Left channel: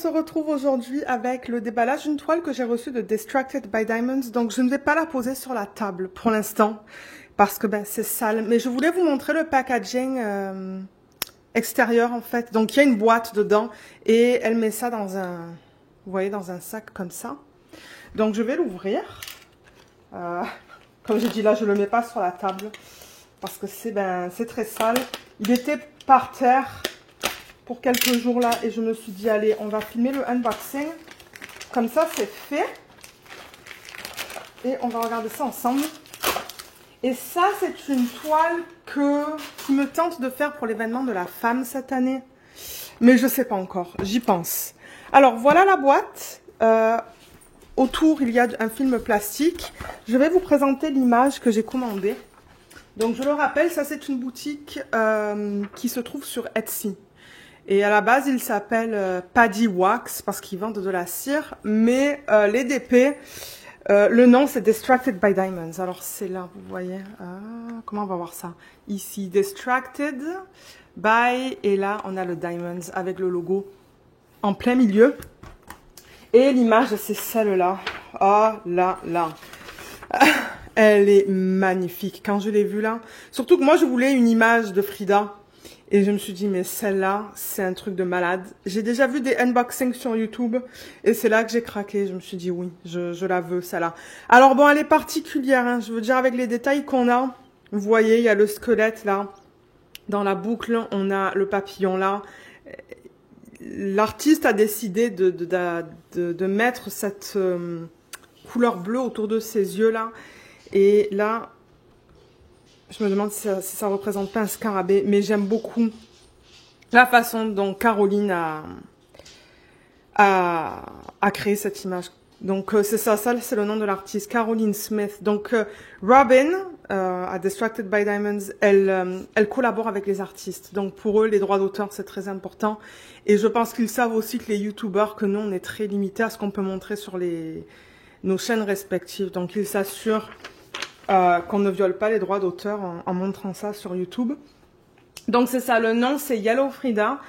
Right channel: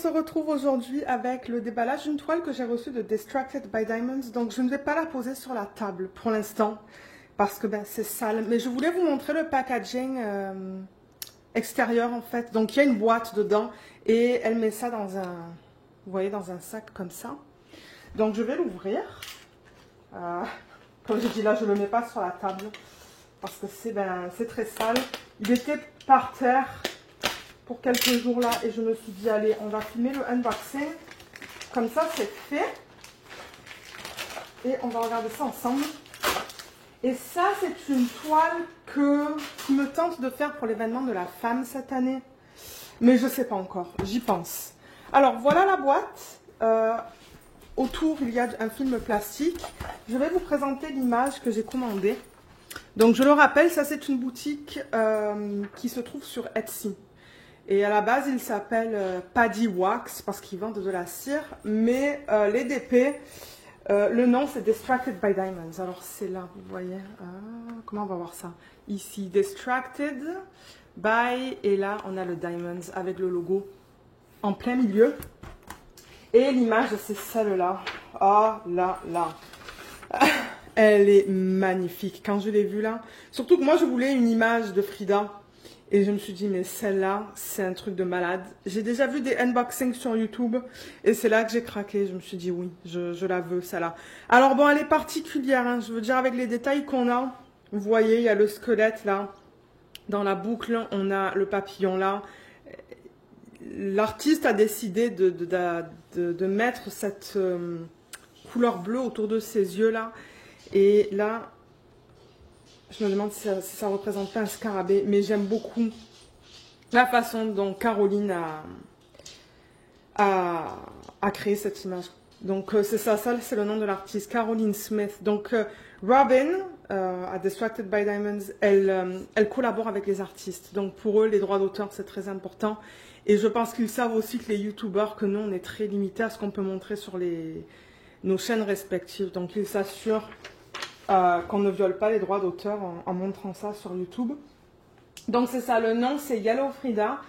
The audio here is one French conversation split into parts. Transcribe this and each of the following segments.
se retrouve aujourd'hui avec le déballage d'une toile que j'ai reçue de Distracted by Diamonds. Donc, je ne vais pas la poser sur la table pour l'instant parce que c'est sale. Mais je voulais vous montrer le packaging extérieur en fait. Donc, il y a une boîte dedans et elle met ça dans un, vous voyez, dans un sac comme ça. Donc, je vais l'ouvrir. Comme j'ai dit là, je ne le mets pas sur la table parce que c'est très sale. Il était par terre pour quelques jours là et je me suis dit allez, on va filmer le unboxing. Comme ça, c'est fait. Et on va regarder ça ensemble. Et ça, c'est une toile qui me tente de faire pour l'événement de la femme cette année. Mais je ne sais pas encore, j'y pense. Alors, voilà la boîte. Autour, il y a un film plastique. Je vais vous présenter l'image que j'ai commandée. Donc, je le rappelle, ça, c'est une boutique qui se trouve sur Etsy. Et à la base, il s'appelle Paddy Wax parce qu'ils vendent de la cire. Mais les DP, le nom, c'est Distracted by Diamonds. Alors, c'est là, vous voyez. Comment on va voir ça? Ici, Distracted by. Et là, on a le Diamonds avec le logo en plein milieu. Et l'image, c'est celle-là. Oh là là. Elle est magnifique. Quand je l'ai vue là. Surtout que moi, je voulais une image de Frida. Et je me suis dit, mais celle-là, c'est un truc de malade. J'ai déjà vu des unboxings sur YouTube. Et c'est là que j'ai craqué. Je me suis dit, oui, je la veux, celle-là. Alors bon, elle est particulière. Hein, je veux dire, avec les détails qu'on a. Vous voyez, il y a le squelette là. Dans la boucle, on a le papillon là. L'artiste a décidé de mettre cette couleur bleue autour de ses yeux là. Et là, je me demande si ça représente pas un scarabée, mais j'aime beaucoup la façon dont Caroline a créé cette image. Donc c'est ça c'est le nom de l'artiste, Caroline Smith. Donc Robin, à Distracted by Diamonds, elle collabore avec les artistes. Donc pour eux, les droits d'auteur, c'est très important. Et je pense qu'ils savent aussi que les youtubeurs, que nous, on est très limités à ce qu'on peut montrer sur nos chaînes respectives. Donc ils s'assurent qu'on ne viole pas les droits d'auteur en montrant ça sur YouTube. Donc c'est ça, le nom c'est Yellow Frida.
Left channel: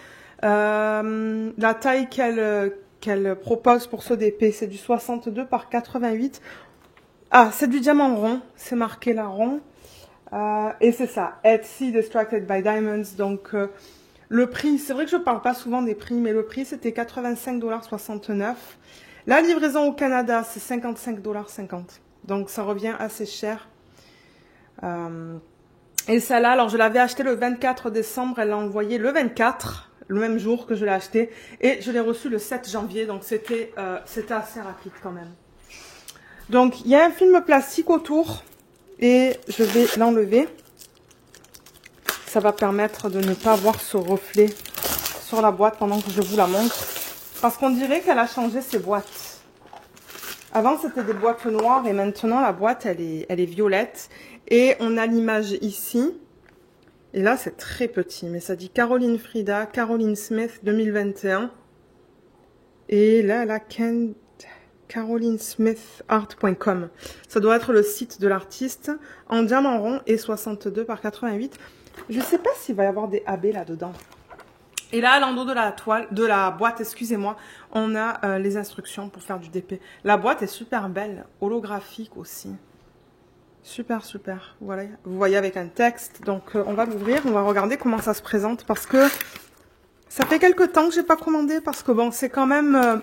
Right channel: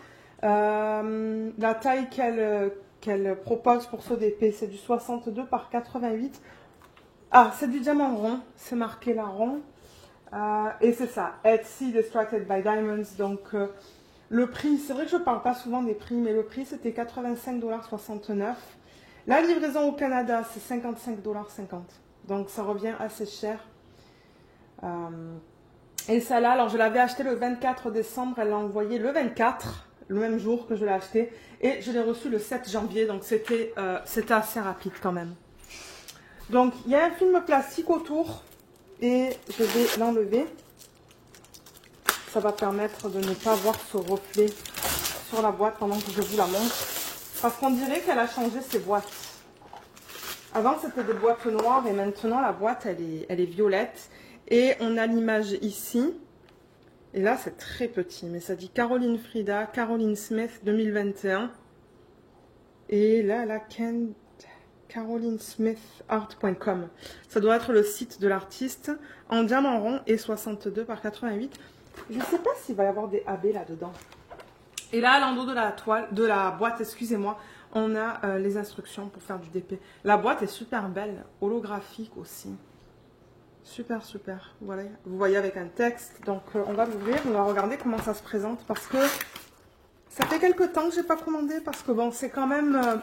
La taille qu'elle propose pour ce DP, c'est du 62 par 88. Ah, c'est du diamant rond, c'est marqué là rond. Et c'est ça, Etsy Distracted by Diamonds. Donc le prix, c'est vrai que je ne parle pas souvent des prix, mais le prix c'était 85,69 $. La livraison au Canada, c'est 55,50 $. Donc ça revient assez cher. Et celle-là, alors je l'avais acheté le 24 décembre, elle l'a envoyé le 24, le même jour que je l'ai acheté. Et je l'ai reçu le 7 janvier, donc c'était assez rapide quand même. Donc il y a un film plastique autour et je vais l'enlever. Ça va permettre de ne pas voir ce reflet sur la boîte pendant que je vous la montre. Parce qu'on dirait qu'elle a changé ses boîtes. Avant, c'était des boîtes noires et maintenant, la boîte, elle est violette. Et on a l'image ici. Et là, c'est très petit. Mais ça dit Caroline Frida, Caroline Smith 2021. Et là, elle a carolinesmithart.com. Ça doit être le site de l'artiste en diamant rond et 62 par 88. Je ne sais pas s'il va y avoir des AB là-dedans. Et là, à l'endroit de la boîte, excusez-moi, on a les instructions pour faire du DP. La boîte est super belle, holographique aussi. Super, super. Voilà, vous voyez avec un texte. Donc, on va l'ouvrir, on va regarder comment ça se présente. Parce que ça fait quelques temps que j'ai pas commandé. Parce que bon, c'est quand même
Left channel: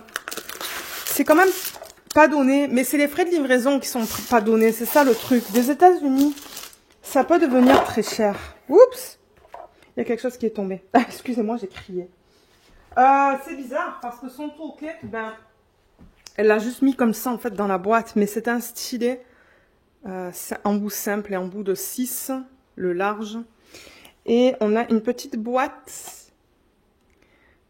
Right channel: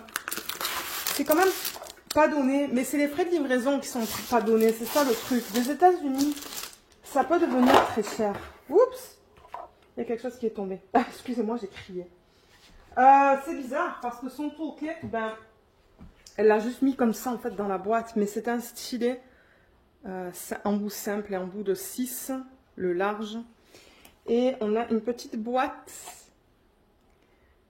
pas donné. Mais c'est les frais de livraison qui sont pas donnés. C'est ça le truc. Des États-Unis, ça peut devenir très cher. Oups! Il y a quelque chose qui est tombé. Ah, excusez-moi, j'ai crié. C'est bizarre parce que son toolkit, elle l'a juste mis comme ça en fait dans la boîte. Mais c'est un stylet. C'est en bout simple et en bout de 6, le large. Et on a une petite boîte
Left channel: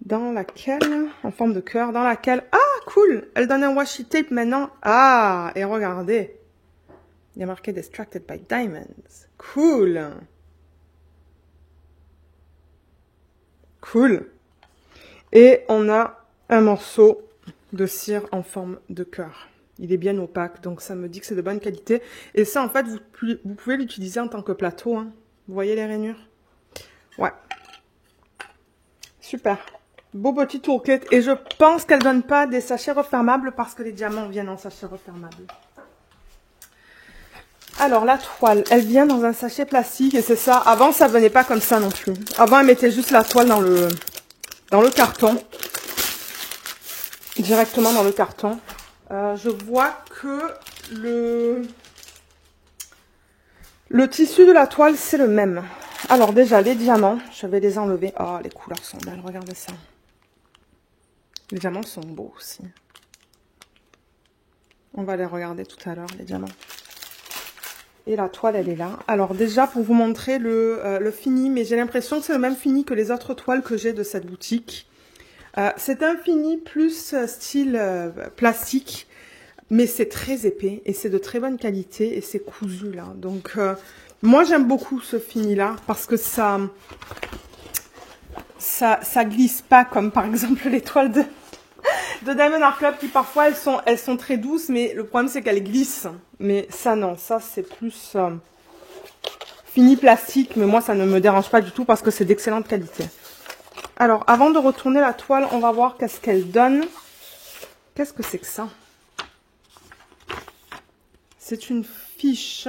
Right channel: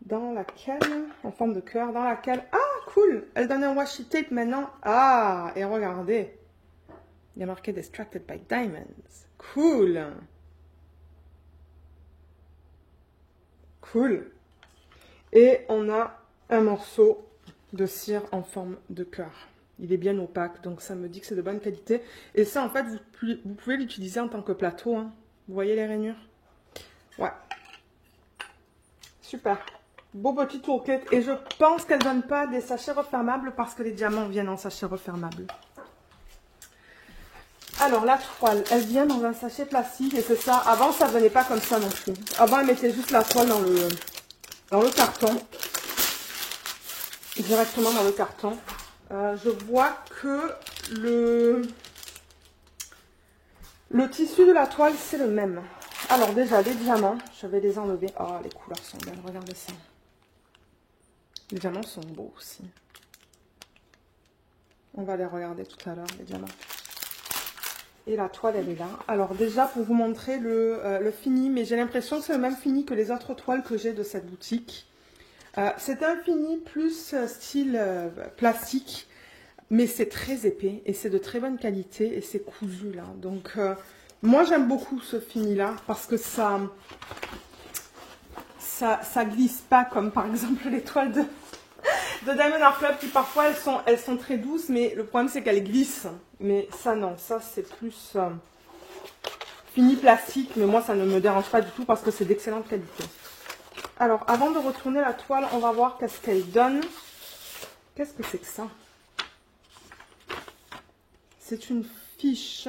dans laquelle, en forme de cœur, dans laquelle... Ah, cool! Elle donne un washi tape maintenant. Ah, et regardez. Il y a marqué Distracted by Diamonds. Cool! Cool. Et on a un morceau de cire en forme de cœur. Il est bien opaque, donc ça me dit que c'est de bonne qualité. Et ça, en fait, vous pouvez l'utiliser en tant que plateau. Hein. Vous voyez les rainures? Ouais. Super. Beau petit toolkit. Et je pense qu'elle ne donne pas des sachets refermables parce que les diamants viennent en sachet refermable. Alors, la toile, elle vient dans un sachet plastique et c'est ça. Avant, ça ne venait pas comme ça non plus. Avant, elle mettait juste la toile dans le carton. Directement dans le carton. Je vois que le tissu de la toile, c'est le même. Alors déjà, les diamants, je vais les enlever. Oh, les couleurs sont belles, regardez ça. Les diamants sont beaux aussi. On va les regarder tout à l'heure, les diamants. Et la toile, elle est là. Alors déjà, pour vous montrer le fini, mais j'ai l'impression que c'est le même fini que les autres toiles que j'ai de cette boutique. C'est un fini plus style plastique, mais c'est très épais et c'est de très bonne qualité et c'est cousu là. Donc, moi, j'aime beaucoup ce fini-là parce que ça glisse pas comme par exemple les toiles de Diamond Art Club qui parfois elles sont très douces, mais le problème c'est qu'elles glissent. Mais ça non, ça c'est plus fini plastique, mais moi ça ne me dérange pas du tout parce que c'est d'excellente qualité. Alors avant de retourner la toile, on va voir qu'est-ce qu'elle donne. Qu'est-ce que c'est que ça? C'est une fiche.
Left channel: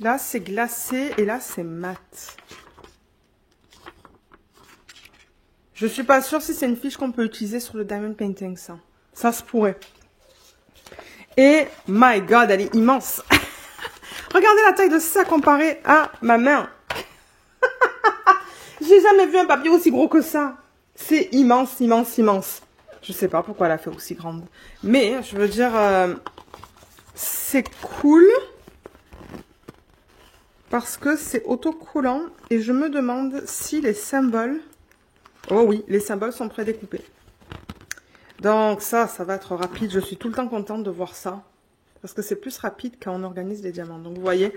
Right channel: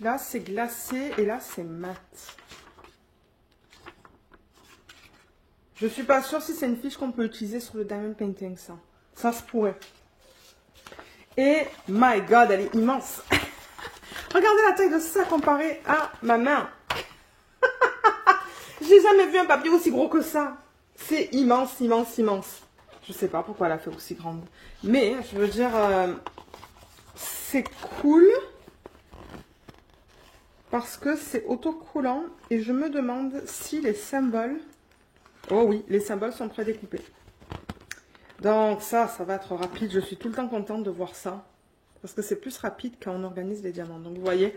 Là c'est glacé et là c'est mat. Je suis pas sûre si c'est une fiche qu'on peut utiliser sur le diamond painting, ça. Ça se pourrait. Et, my God, elle est immense. Regardez la taille de ça comparée à ma main. J'ai jamais vu un papier aussi gros que ça. C'est immense, immense, immense. Je sais pas pourquoi elle a fait aussi grande. Mais, je veux dire, c'est cool. Parce que c'est autocollant. Et je me demande si les symboles... Oh oui, les symboles sont prédécoupés. Donc ça va être rapide. Je suis tout le temps contente de voir ça. Parce que c'est plus rapide quand on organise les diamants. Donc vous voyez,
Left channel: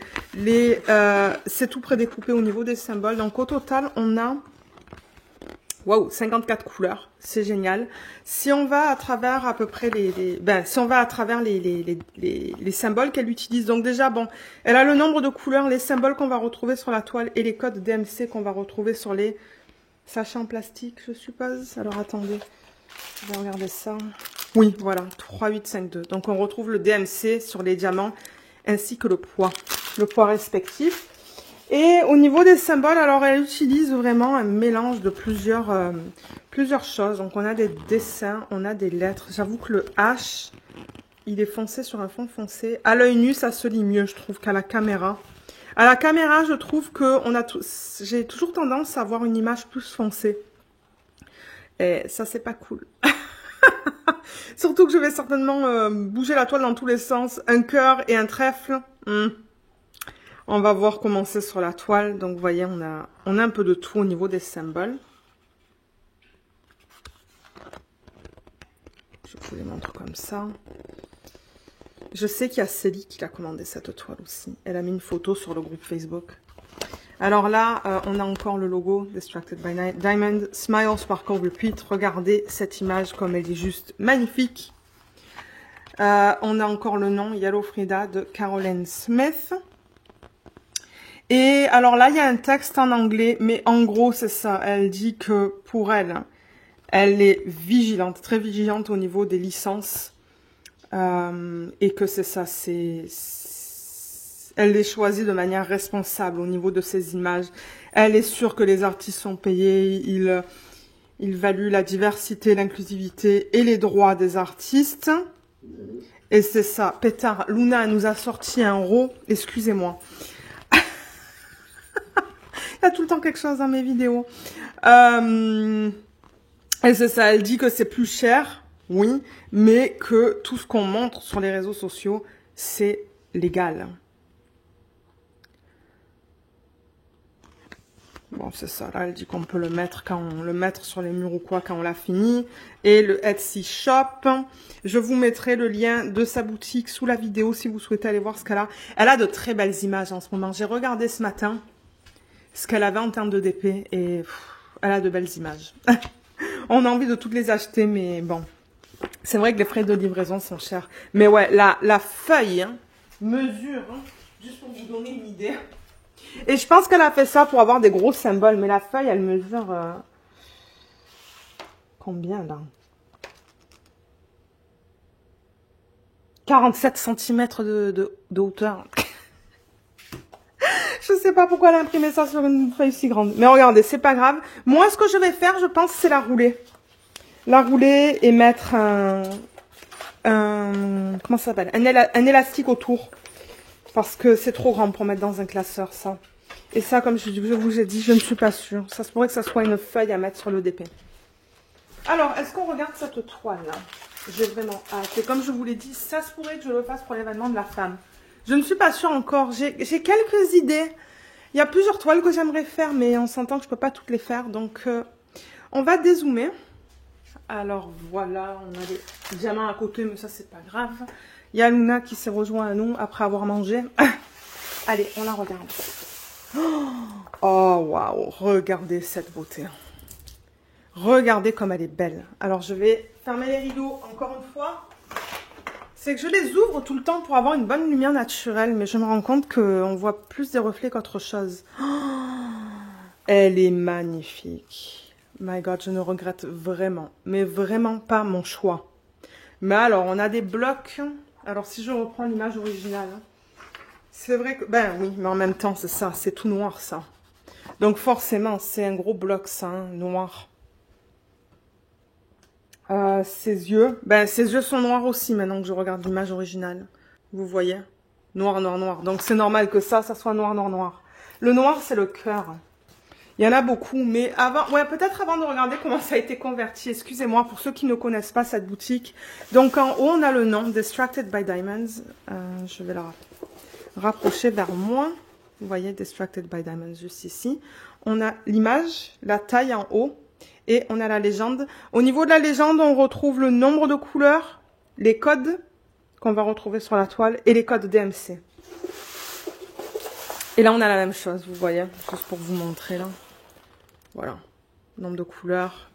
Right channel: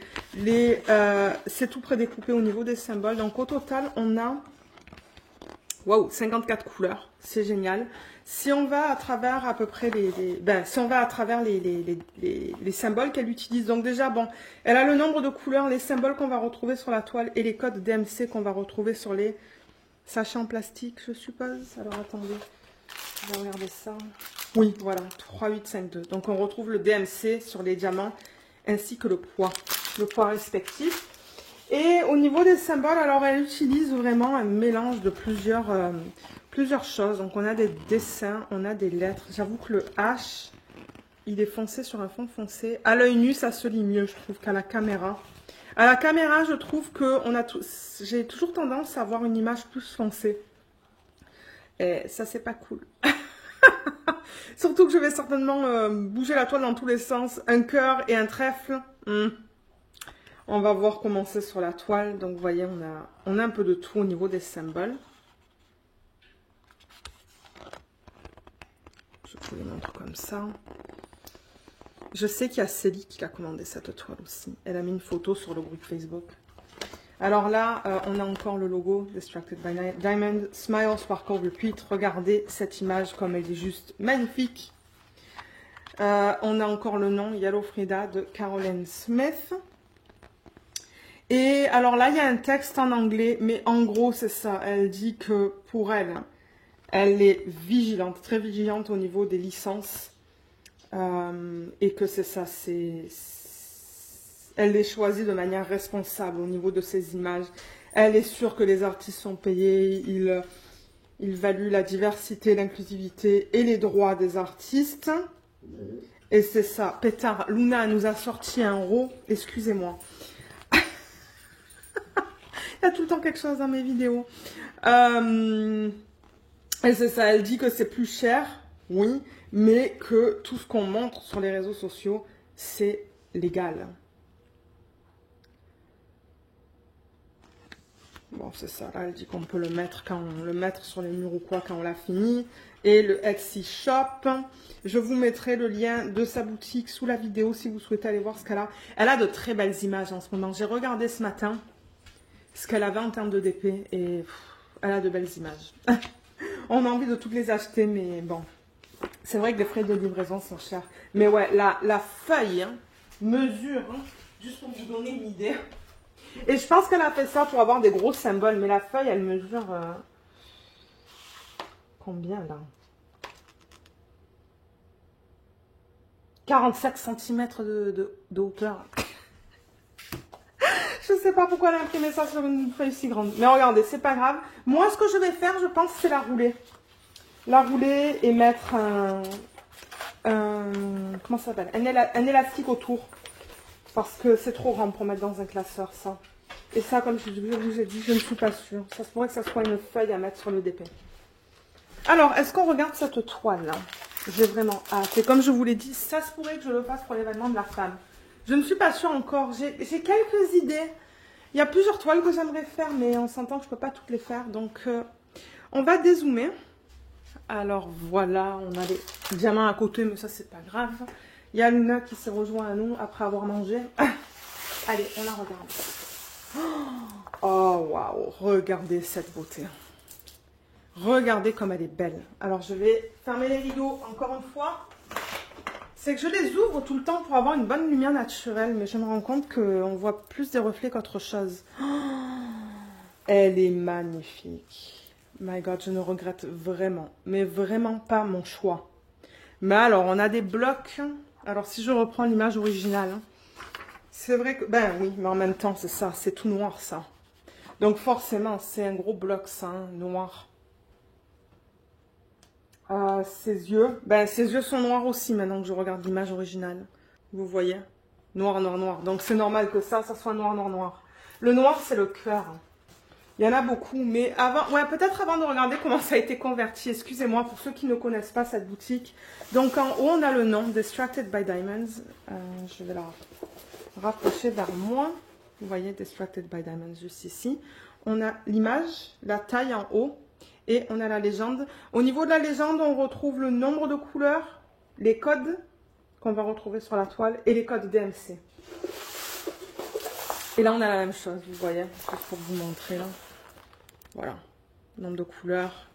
c'est tout prédécoupé au niveau des symboles. Donc au total, on a 54 couleurs. C'est génial. Si on va à travers à peu près si on va à travers les symboles qu'elle utilise. Donc déjà, bon, elle a le nombre de couleurs, les symboles qu'on va retrouver sur la toile et les codes DMC qu'on va retrouver sur les sachets en plastique, je suppose. Alors attendez, je vais regarder ça. Oui, voilà, 3852. Donc on retrouve le DMC sur les diamants ainsi que le poids respectif. Et au niveau des symboles, alors elle utilise vraiment un mélange de plusieurs choses. Donc on a des dessins, on a des lettres. J'avoue que le H, il est foncé sur un fond foncé. À l'œil nu, ça se lit mieux, je trouve, qu'à la caméra. À la caméra, je trouve que j'ai toujours tendance à avoir une image plus foncée. Et ça, c'est pas cool. Surtout que je vais certainement bouger la toile dans tous les sens. Un cœur et un trèfle. On va voir comment c'est sur la toile. Donc, vous voyez, on a un peu de tout au niveau des symboles. Je vous les montre comme ça. Je sais qu'il y a Célie qui a commandé cette toile aussi. Elle a mis une photo sur le groupe Facebook. Alors là, on a encore le logo Distracted by Diamond. Smile, Sparkle, Repeat. Regardez cette image comme elle est juste magnifique. On a encore le nom Yellow Frida de Caroline Smith. Et alors là, il y a un texte en anglais, mais en gros, c'est ça. Elle dit que pour elle, elle est vigilante, très vigilante au niveau des licences. Et que c'est ça, elle les choisit de manière responsable au niveau de ces images. Elle est sûre que les artistes sont payés, ils valuent la diversité, l'inclusivité et les droits des artistes. Et c'est ça. Pétard, Luna nous a sorti un RAW, excusez-moi. Il y a tout le temps quelque chose dans mes vidéos. Et c'est ça, elle dit que c'est plus cher, oui, mais que tout ce qu'on montre sur les réseaux sociaux, c'est légal. Bon, c'est ça, là, elle dit qu'on peut le mettre quand on le mettre sur les murs ou quoi, quand on l'a fini. Et le Etsy Shop, je vous mettrai le lien de sa boutique sous la vidéo si vous souhaitez aller voir ce qu'elle a. Elle a de très belles images en ce moment. J'ai regardé ce matin ce qu'elle avait en termes de DP et elle a de belles images. On a envie de toutes les acheter, mais bon. C'est vrai que les frais de livraison sont chers. Mais ouais, la feuille mesure, juste pour vous donner une idée. Et je pense qu'elle a fait ça pour avoir des gros symboles. Mais la feuille, elle mesure combien là? 47 cm de hauteur. Je sais pas pourquoi elle a imprimé ça sur une feuille si grande. Mais regardez, c'est pas grave. Moi, ce que je vais faire, je pense, c'est la rouler. La rouler et mettre comment ça s'appelle? Un élastique autour. Parce que c'est trop grand pour mettre dans un classeur, ça. Et ça, comme je vous ai dit, je ne suis pas sûre. Ça se pourrait que ça soit une feuille à mettre sur le DP. Alors, est-ce qu'on regarde cette toile-là? J'ai vraiment hâte. Et comme je vous l'ai dit, ça se pourrait que je le fasse pour l'événement de la femme. Je ne suis pas sûre encore. J'ai quelques idées. Il y a plusieurs toiles que j'aimerais faire, mais on s'entend que je ne peux pas toutes les faire. Donc, on va dézoomer. Alors, voilà, on a les diamants à côté, mais ça, c'est pas grave. Il y a Luna qui s'est rejoint à nous après avoir mangé. Allez, on la regarde. Oh, waouh, regardez cette beauté. Regardez comme elle est belle. Alors, je vais fermer les rideaux encore une fois. C'est que je les ouvre tout le temps pour avoir une bonne lumière naturelle, mais je me rends compte qu'on voit plus des reflets qu'autre chose. Oh, elle est magnifique. My God, je ne regrette vraiment, mais vraiment pas mon choix. Mais alors, on a des blocs. Alors, si je reprends l'image originale, c'est vrai que... Ben oui, mais en même temps, c'est ça, c'est tout noir, ça. Donc, forcément, c'est un gros bloc, ça, hein, noir. Ses yeux, ben ses yeux sont noirs aussi maintenant que je regarde l'image originale. Vous voyez? Noir, noir, noir. Donc c'est normal que ça soit noir, noir, noir. Le noir, c'est le cœur. Il y en a beaucoup, mais avant, ouais, peut-être avant de regarder comment ça a été converti. Excusez-moi pour ceux qui ne connaissent pas cette boutique. Donc en haut, on a le nom, Distracted by Diamonds. Je vais la rapprocher vers moi. Vous voyez, Distracted by Diamonds juste ici. On a l'image, la taille en haut. Et on a la légende. Au niveau de la légende, on retrouve le nombre de couleurs, les codes qu'on va retrouver sur la toile et les codes DMC. Et là, on a la même chose, vous voyez, juste pour vous montrer là. Voilà, nombre de couleurs,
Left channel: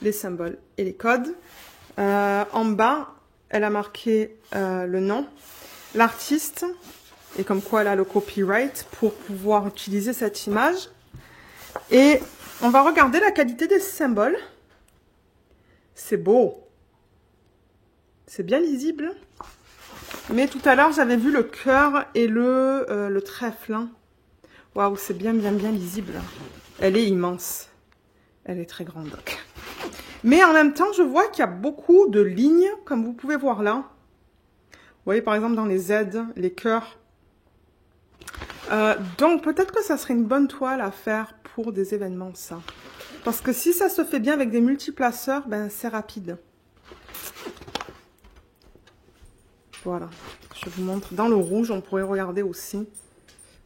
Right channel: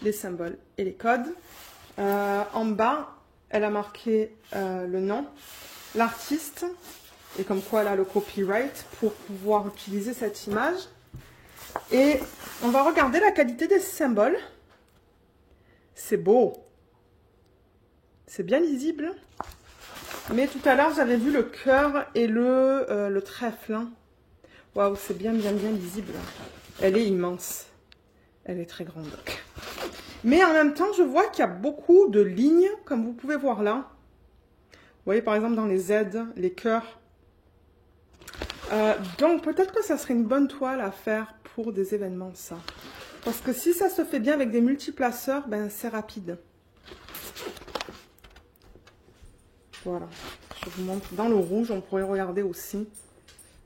les symboles et les codes. En bas, elle a marqué le nom, l'artiste et comme quoi elle a le copyright pour pouvoir utiliser cette image. Et on va regarder la qualité des symboles. C'est beau. C'est bien lisible. Mais tout à l'heure, j'avais vu le cœur et le trèfle. Hein. Waouh, c'est bien lisible. Elle est immense. Elle est très grande. Mais en même temps, je vois qu'il y a beaucoup de lignes, comme vous pouvez voir là. Vous voyez, par exemple, dans les Z, les cœurs. Donc, peut-être que ça serait une bonne toile à faire pour des événements, ça. Parce que si ça se fait bien avec des multiplaceurs, ben c'est rapide. Voilà. Je vous montre. Dans le rouge, on pourrait regarder aussi.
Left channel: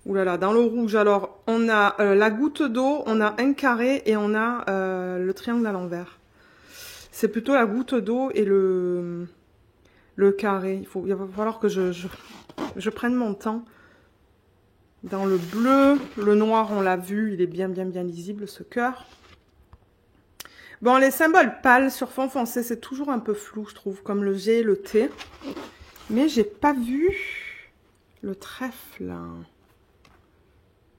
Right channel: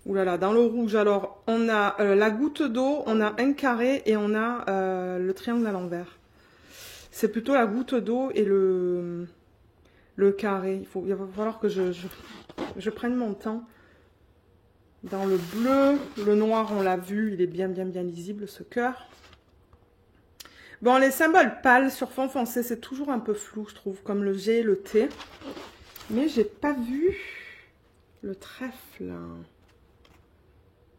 Ouh là là, dans le rouge, alors, on a la goutte d'eau, on a un carré et on a le triangle à l'envers. C'est plutôt la goutte d'eau et le carré. Il va falloir que je prenne mon temps. Dans le bleu, le noir, on l'a vu, il est bien lisible, ce cœur. Bon, les symboles pâles sur fond foncé, c'est toujours un peu flou, je trouve, comme le G et le T. Mais j'ai pas vu le trèfle.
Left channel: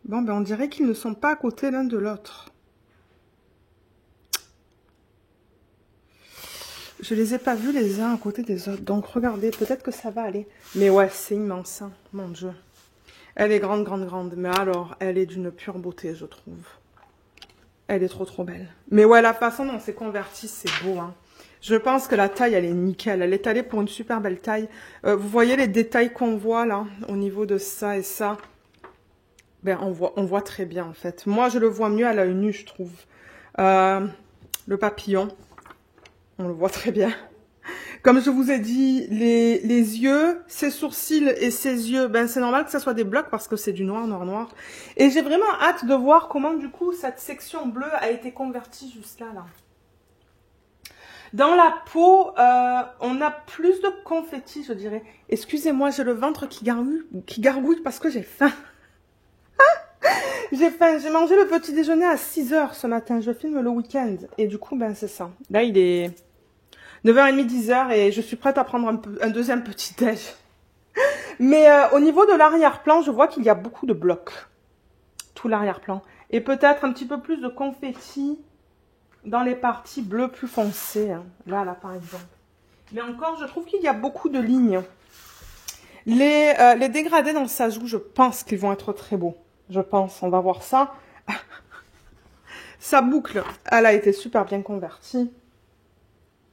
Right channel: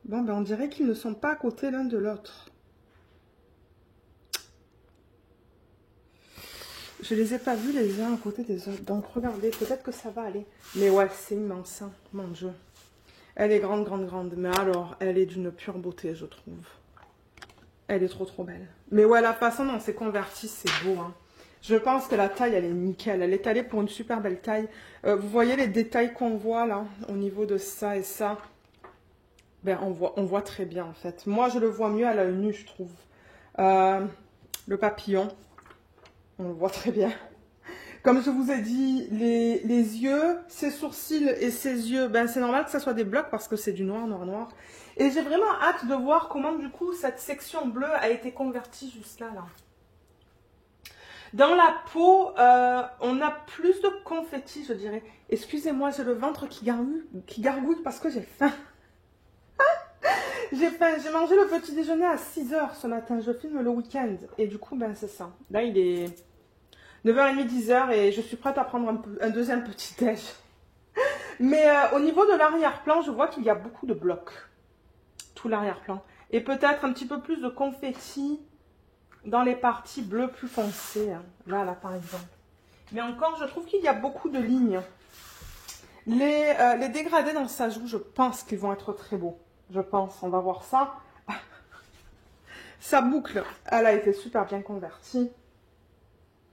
Bon, ben on dirait qu'ils ne sont pas à côté l'un de l'autre. Je les ai pas vus les uns à côté des autres. Donc, regardez, peut-être que ça va aller. Mais ouais, c'est immense, hein, mon Dieu. Elle est grande. Mais alors, elle est d'une pure beauté, je trouve. Elle est trop belle. Mais ouais, la façon dont c'est converti, c'est beau. Hein. Je pense que la taille, elle est nickel. Elle est allée pour une super belle taille. Vous voyez les détails qu'on voit là, au niveau de ça et ça. Ben, on voit très bien, en fait. Moi, je le vois mieux à l'œil nu, je trouve. Le papillon, on le voit très bien. Comme je vous ai dit, les yeux, ses sourcils et ses yeux, ben c'est normal que ça soit des blocs parce que c'est du noir. Et j'ai vraiment hâte de voir comment du coup cette section bleue a été convertie jusqu'à là. Dans la peau, on a plus de confettis, je dirais. Excusez-moi, j'ai le ventre qui gargouille parce que j'ai faim. J'ai faim, j'ai mangé le petit déjeuner à 6 h ce matin. Je filme le week-end et du coup, ben c'est ça. Là, il est 9h30, 10 h et je suis prête à prendre un deuxième petit déj. Mais au niveau de l'arrière-plan, je vois qu'il y a beaucoup de blocs. Tout l'arrière-plan. Et peut-être un petit peu plus de confettis dans les parties bleues plus foncées. Hein. Là, par exemple. Mais encore, je trouve qu'il y a beaucoup de lignes. Les dégradés dans le sajou, je pense qu'ils vont être très beaux. Je pense, on va voir ça. Sa boucle, elle a été super bien convertie.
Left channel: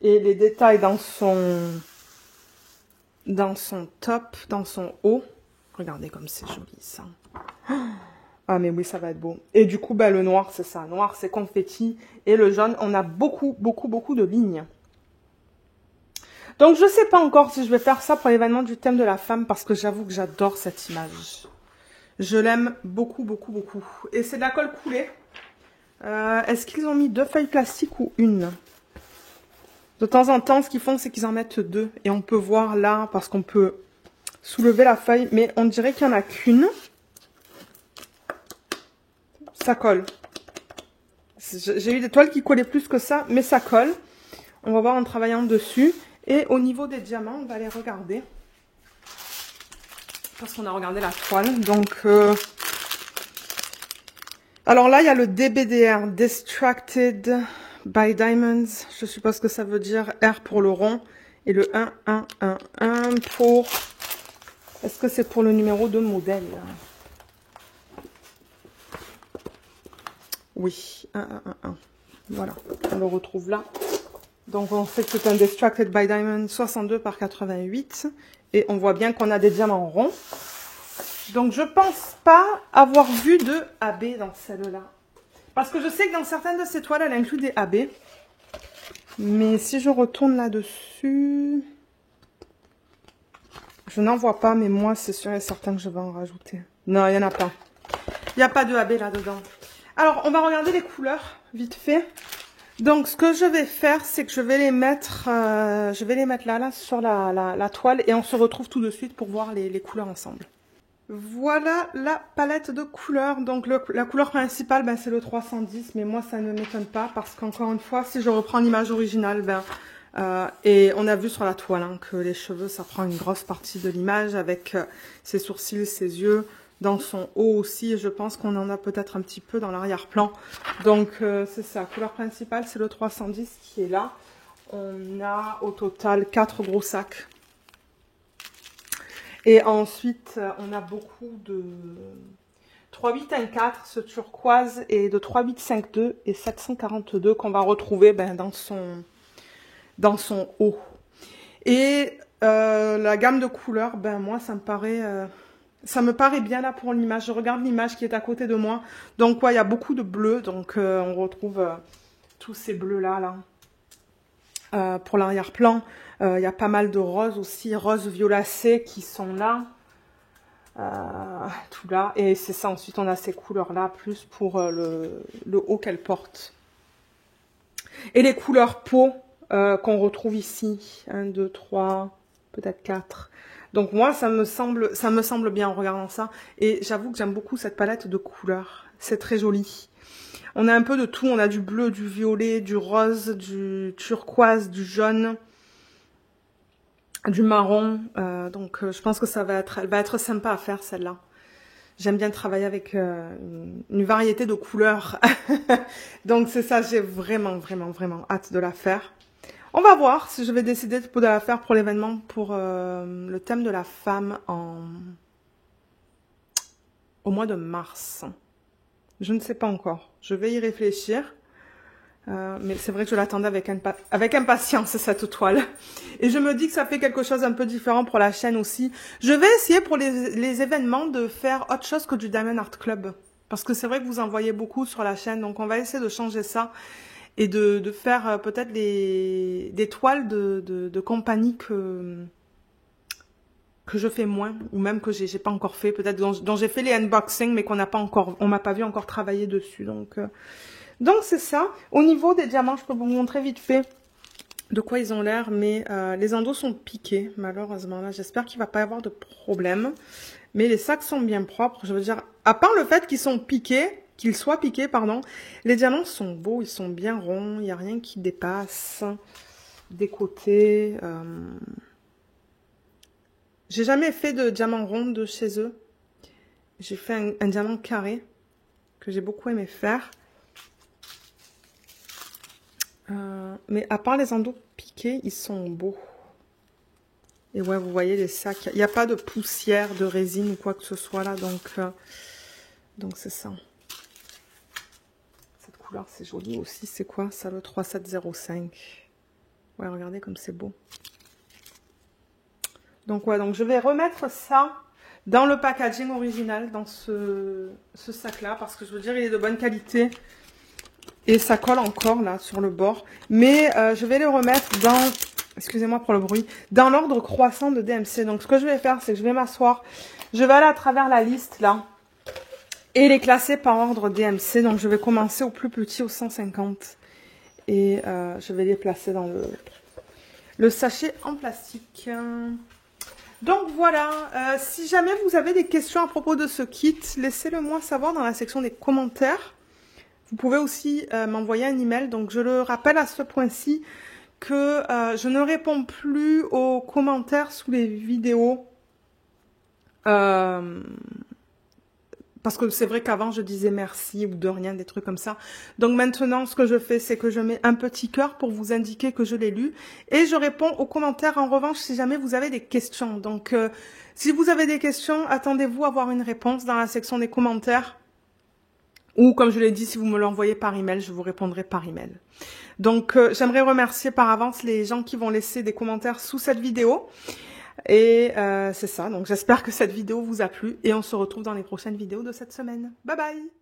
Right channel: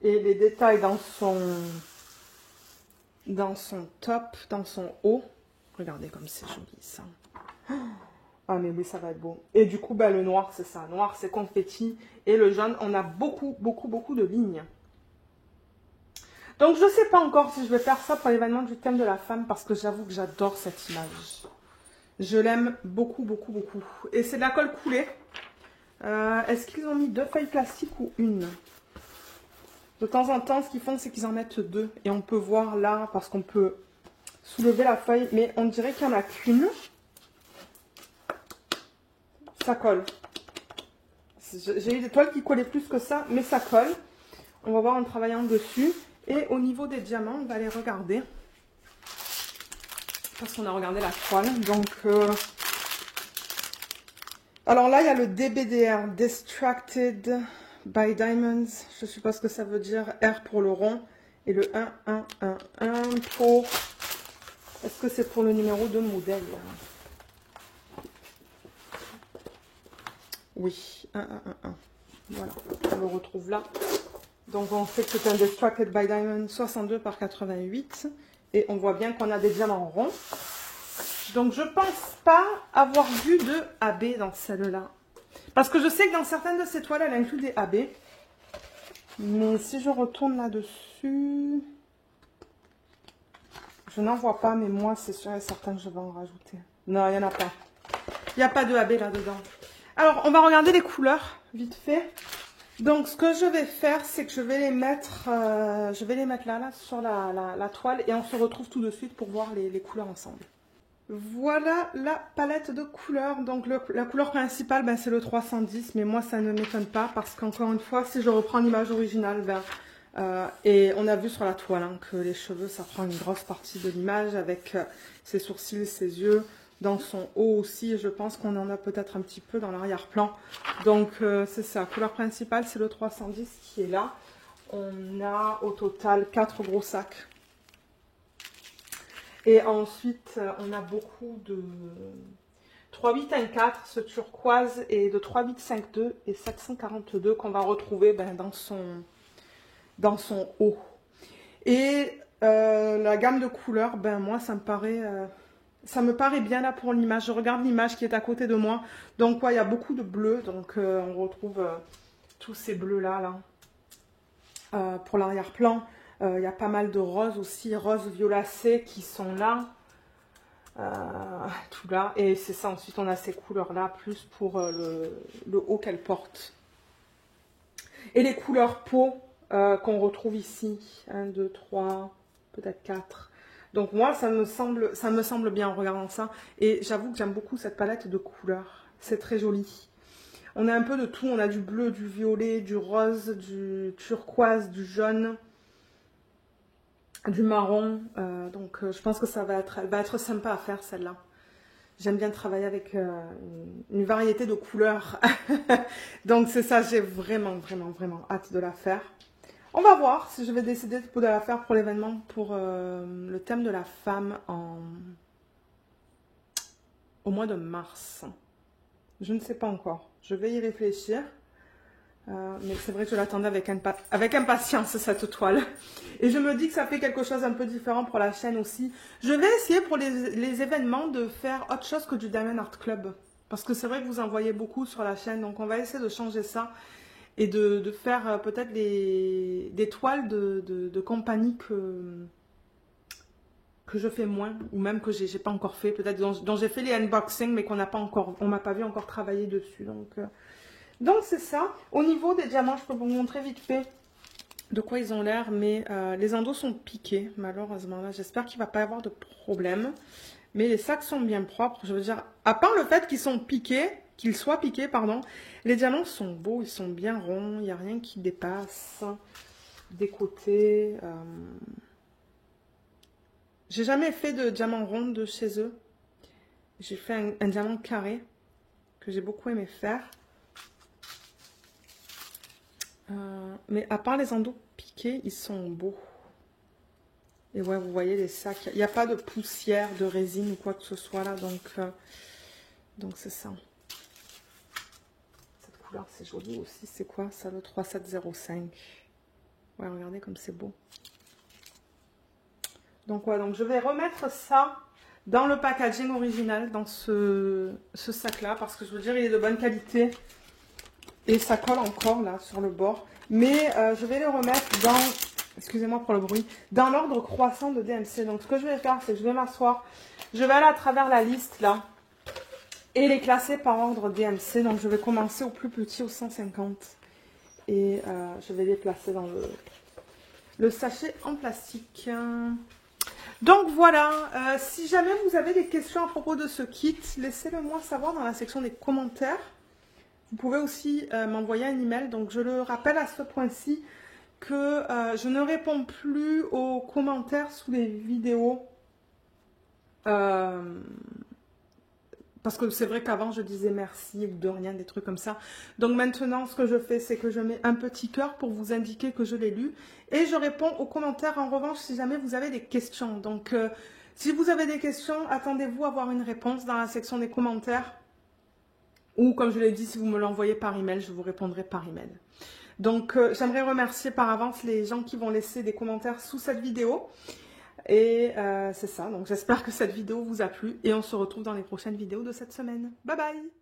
Et les détails dans son top, dans son haut. Regardez comme c'est joli ça. Ah mais oui, ça va être beau. Et du coup, bah, le noir, c'est ça. Le noir, c'est confetti. Et le jaune, on a beaucoup de lignes. Donc, je ne sais pas encore si je vais faire ça pour l'événement du thème de la femme. Parce que j'avoue que j'adore cette image. Je l'aime beaucoup. Et c'est de la colle coulée. Est-ce qu'ils ont mis 2 feuilles plastiques ou une? De temps en temps, ce qu'ils font, c'est qu'ils en mettent 2. Et on peut voir là, parce qu'on peut soulever la feuille. Mais on dirait qu'il n'y en a qu'une. Ça colle. J'ai eu des toiles qui collaient plus que ça, mais ça colle. On va voir en travaillant dessus. Et au niveau des diamants, on va les regarder. Parce qu'on a regardé la toile. Donc, alors là, il y a le DBDR, Distracted by Diamonds. Je suppose que ça veut dire R pour le rond. Et le 1, 1, 1, 1 pour... Est-ce que c'est pour le numéro de modèle? Oui, 1, 1, 1, 1. Voilà, on le retrouve là. Donc, on sait que c'est un Distracted by Diamond 62 par 88. Et on voit bien qu'on a des diamants ronds. Donc, je pense pas avoir vu de AB dans celle-là. Parce que je sais que dans certaines de ces toiles, elle inclut des AB. Mais si je retourne là-dessus... Je n'en vois pas, mais moi, c'est sûr et certain que je vais en rajouter. Non, il n'y en a pas. Il n'y a pas de AB là-dedans. Alors, on va regarder les couleurs, vite fait. Donc, ce que je vais faire, c'est que je vais les mettre là, sur la toile. Et on se retrouve tout de suite pour voir les couleurs ensemble. Voilà la palette de couleurs. Donc, la couleur principale, ben, c'est le 310. Mais moi, ça ne m'étonne pas parce qu'encore une fois, si je reprends l'image originale, et on a vu sur la toile hein, que les cheveux, ça prend une grosse partie de l'image avec ses sourcils, ses yeux. Dans son haut aussi, je pense qu'on en a peut-être un petit peu dans l'arrière-plan. Donc, c'est ça. Couleur principale, c'est le 310 qui est là. On a au total 4 gros sacs. Et ensuite, on a beaucoup de 3814, ce turquoise, et de 3852 et 742 qu'on va retrouver ben, dans son haut. Et la gamme de couleurs, ben moi, ça me paraît bien là pour l'image. Je regarde l'image qui est à côté de moi. Donc, ouais, il y a beaucoup de bleus. Donc, on retrouve tous ces bleus-là. Pour l'arrière-plan, il y a pas mal de roses aussi. Roses violacées qui sont là. Tout là. Et c'est ça. Ensuite, on a ces couleurs-là, plus pour le haut qu'elle porte. Et les couleurs peau qu'on retrouve ici. 1, 2, 3, peut-être 4. Donc moi, ça me semble bien en regardant ça. Et j'avoue que j'aime beaucoup cette palette de couleurs. C'est très joli. On a un peu de tout. On a du bleu, du violet, du rose, du turquoise, du jaune, du marron. Donc je pense que elle va être sympa à faire celle-là. J'aime bien travailler avec une variété de couleurs. Donc c'est ça, j'ai vraiment hâte de la faire. On va voir si je vais décider de la faire pour l'événement, pour le thème de la femme au mois de mars. Je ne sais pas encore. Je vais y réfléchir. Mais c'est vrai que je l'attendais avec impatience, cette toile. Et je me dis que ça fait quelque chose un peu différent pour la chaîne aussi. Je vais essayer pour les événements de faire autre chose que du Diamond Art Club. Parce que c'est vrai que vous en voyez beaucoup sur la chaîne. Donc on va essayer de changer ça. Et de faire peut-être des toiles de compagnie que je fais moins, ou même que j'ai pas encore fait, peut-être dont j'ai fait les unboxings, mais on m'a pas vu encore travailler dessus. Donc c'est ça. Au niveau des diamants, je peux vous montrer vite fait de quoi ils ont l'air, mais les endos sont piqués, malheureusement. Là, j'espère qu'il va pas y avoir de problème. Mais les sacs sont bien propres, je veux dire, à part le fait qu'ils soient piqués, pardon, les diamants sont beaux, ils sont bien ronds, il n'y a rien qui dépasse des côtés. J'ai jamais fait de diamant rond de chez eux. J'ai fait un diamant carré que j'ai beaucoup aimé faire. Mais à part les endos piqués, ils sont beaux. Et ouais, vous voyez les sacs. Il n'y a pas de poussière, de résine ou quoi que ce soit là. Donc c'est ça. Cette couleur, c'est joli aussi. C'est quoi ça, le 3705? Ouais, regardez comme c'est beau. Donc ouais, donc je vais remettre ça dans le packaging original, dans ce sac-là, parce que je veux dire, il est de bonne qualité. Et ça colle encore là sur le bord. Mais je vais les remettre dans, excusez-moi pour le bruit, dans l'ordre croissant de DMC. Donc ce que je vais faire, c'est que je vais m'asseoir. Je vais aller à travers la liste là. Et les classer par ordre DMC. Donc je vais commencer au plus petit, au 150. Et je vais les placer dans le sachet en plastique. Donc voilà, si jamais vous avez des questions à propos de ce kit, laissez-le moi savoir dans la section des commentaires. Vous pouvez aussi m'envoyer un email. Donc je le rappelle à ce point-ci que je ne réponds plus aux commentaires sous les vidéos. Parce que c'est vrai qu'avant je disais merci ou de rien, des trucs comme ça. Donc maintenant ce que je fais, c'est que je mets un petit cœur pour vous indiquer que je l'ai lu. Et je réponds aux commentaires en revanche si jamais vous avez des questions. Donc si vous avez des questions, attendez-vous à avoir une réponse dans la section des commentaires. Ou comme je l'ai dit, si vous me l'envoyez par email, je vous répondrai par email. Donc j'aimerais remercier par avance les gens qui vont laisser des commentaires sous cette vidéo. Et c'est ça, donc j'espère que cette vidéo vous a plu et on se retrouve dans les prochaines vidéos de cette semaine. Bye bye!